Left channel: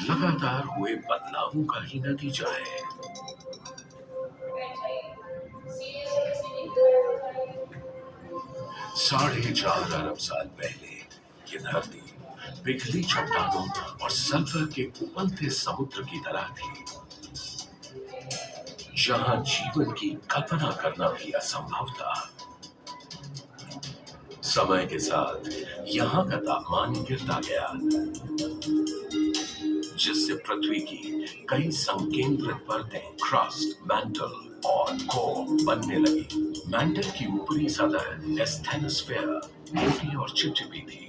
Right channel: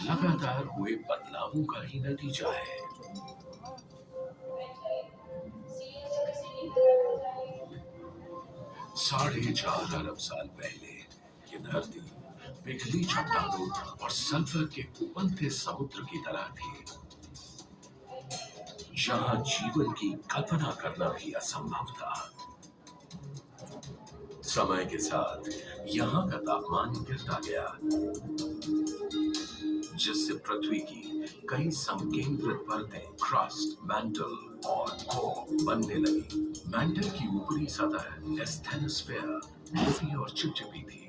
लगातार हुए बदलावों का ही नतीजा है। 4.5 अरब साल पहले ये धरती पिघली चट्टानों और सल्फर के उबलते समुद्र की तरह थी, जहां जीवन की कल्पना करना भी असंभव था। समय के साथ यहाँ का तापमान गिरता गया, जिससे पृथ्वी की कई संकेंद्रित परतें क्रस्ट, मैंटल और कोर बनने लगी। मैंटल की ऊपरी सतह एस्थेनोस्फीयर मोटी और चिपचिपी थी।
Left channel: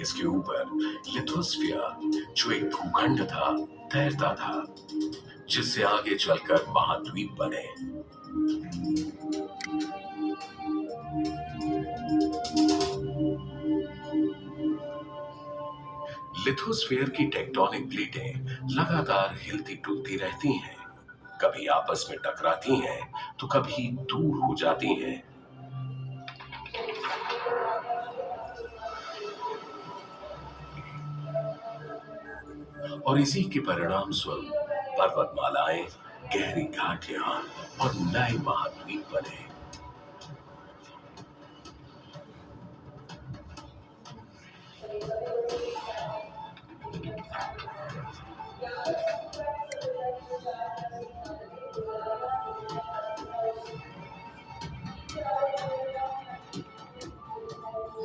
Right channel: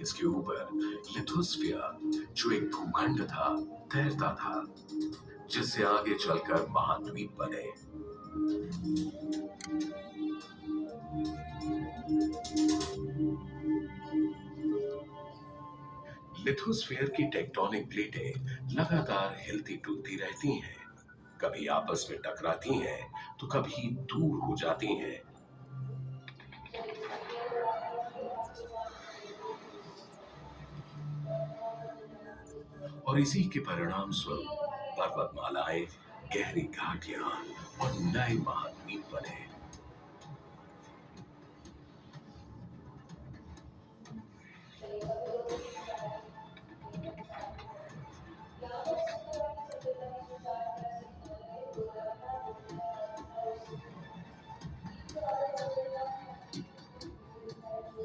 इसके ऊपर लिथोस्फीयर, जो एक भूखंड था, तैरता था, जिससे आगे चलकर महाद्वीप बने। लिथोस्फीयर की टेक्टोनिक प्लेटें लगातार हिलती डुलती रहती हैं, कभी आपस में टकराती हैं तो कभी दूर हो जाती हैं। और इसी के परिणाम स्वरूप पर्वतमालाएं, गहरी घाटियां और नए महाद्वीप बने।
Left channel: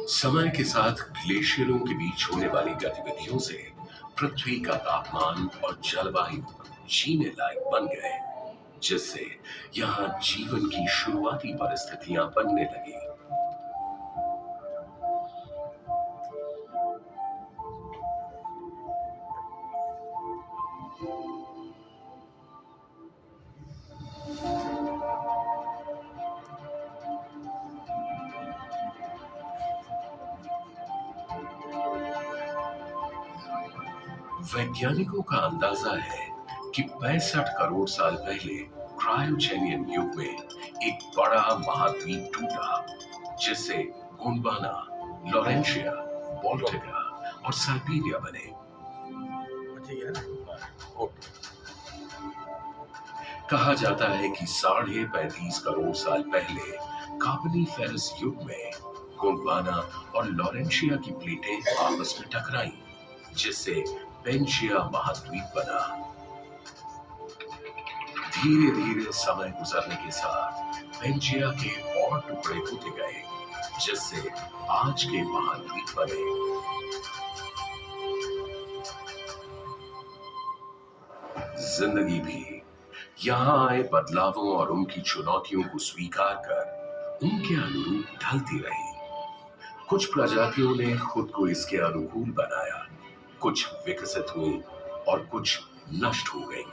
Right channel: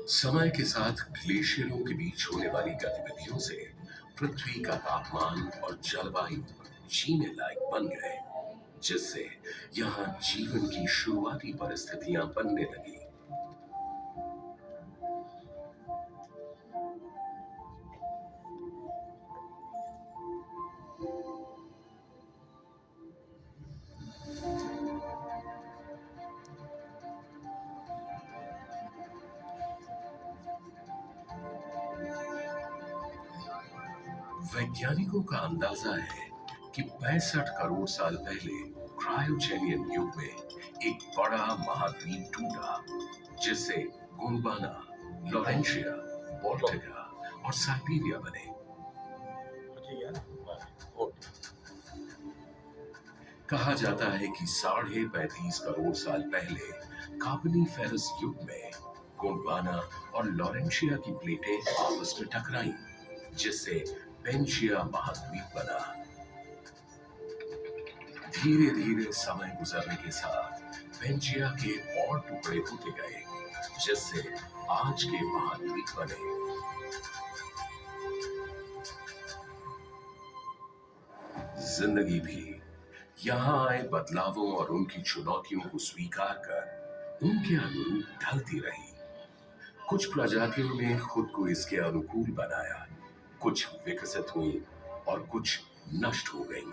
समय के साथ ग्लेशियरों के बीच होने वाली गतिविधियों से पृथ्वी का तापमान और जलवायु जीने लायक बन गए, जिससे यहाँ जीवन की शुरुआती परिस्थितियां बनने लगी। वैज्ञानिकों का अंदाजा है कि 65 करोड़ साल पहले क्रायोजेनियन युग में एक बड़ा महाद्वीप टूटा, जिससे गोंडवाना, लॉरेंशिया, बाल्टिका और साइबेरिया बने। कहा जाता है कि 35.5 करोड़ साल पहले कार्बोनिफेरस युग में गोंडवाना और लॉरेंशिया की प्लेटें आपस में टकराईं, जिससे पेंशिया महाद्वीप बना। धीरे धीरे समय गुजरने के साथ पेंशिया के और टुकड़े होते गए, जिससे आज के महाद्वीप बने। जिंदगी भी यहाँ आए बदलावों और उनकी चुनौतियों को स्वीकार कर उनके अनुरूप ढलती रही। कुछ प्रजातियों ने खुद को इसके अनुकूल बनाया, कुछ विकसित हुई और कुछ नष्ट हो गईं।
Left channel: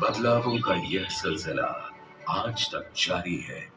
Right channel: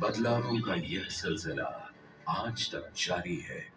बदलावों का यह सिलसिला आज तक जारी है।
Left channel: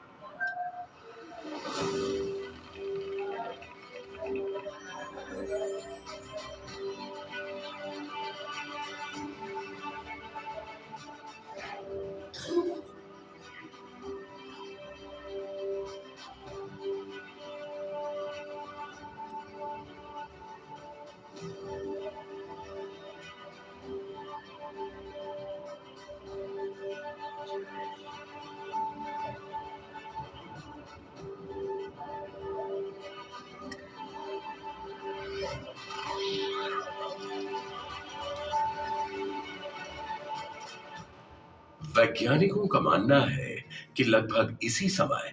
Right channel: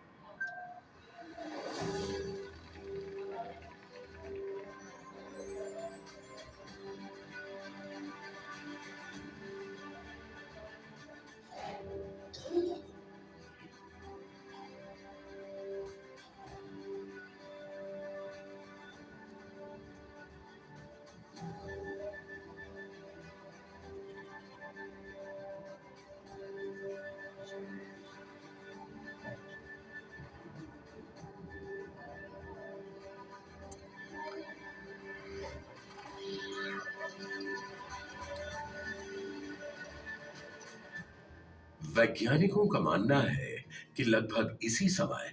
वैज्ञानिकों का मानना है कि लगभग इसी समय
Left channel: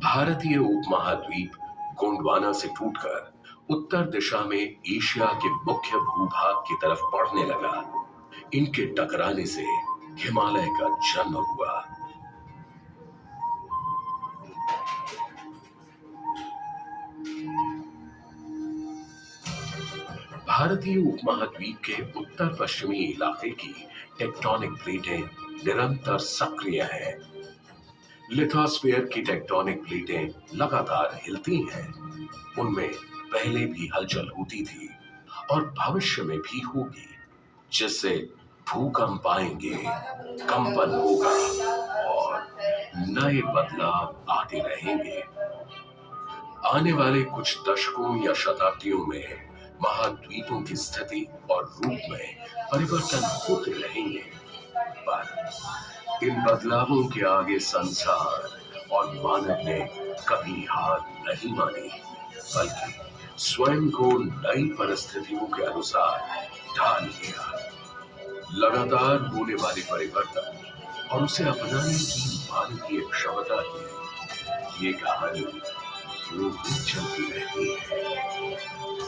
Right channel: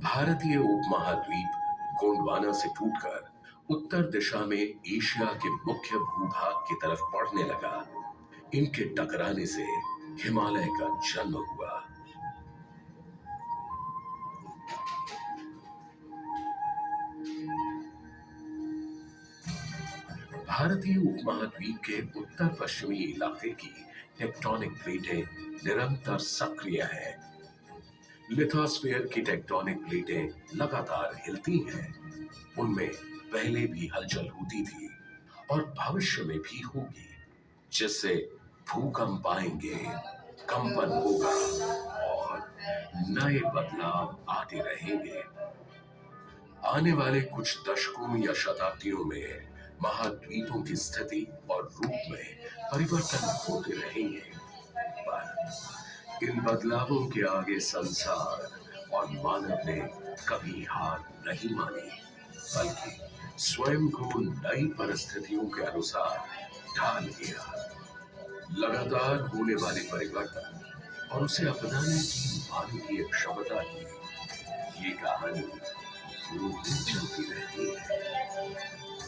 भारतीय उपमहाद्वीप गोंडवाना से टूटकर उत्तर दिशा में एशिया के मुख्य भूभाग की तरफ बढ़ने लगा। इनके टकराने से हिमालय का जन्म हुआ। भारतीय उपमहाद्वीप के उत्तर पश्चिमी इलाके की टेक्टोनिक प्लेटें निरंतर सक्रिय हैं। लिथोस्फीयर की टेक्टोनिक प्लेटें लगातार हिलती हैं। उनमें पहले भी हलचल होती थी और भविष्य में भी होगी, जिससे भूकंप आएंगे, कंपन होगा और नए बदलाव आते रहेंगे। आने वाले कुछ दशकों या शताब्दियों में महाद्वीपों की स्थिति और रूप में परिवर्तन होते रहेंगे, पर इन बदलावों के आगे संसार और मानव ने कभी हार नहीं मानी, बल्कि स्वयं को नई परिस्थितियों के अनुसार ढाल लिया। लगातार होने वाले परिवर्तन और उसे अपनाने की मानवीय क्षमता की ये कहानी यूं ही चलती रहती है।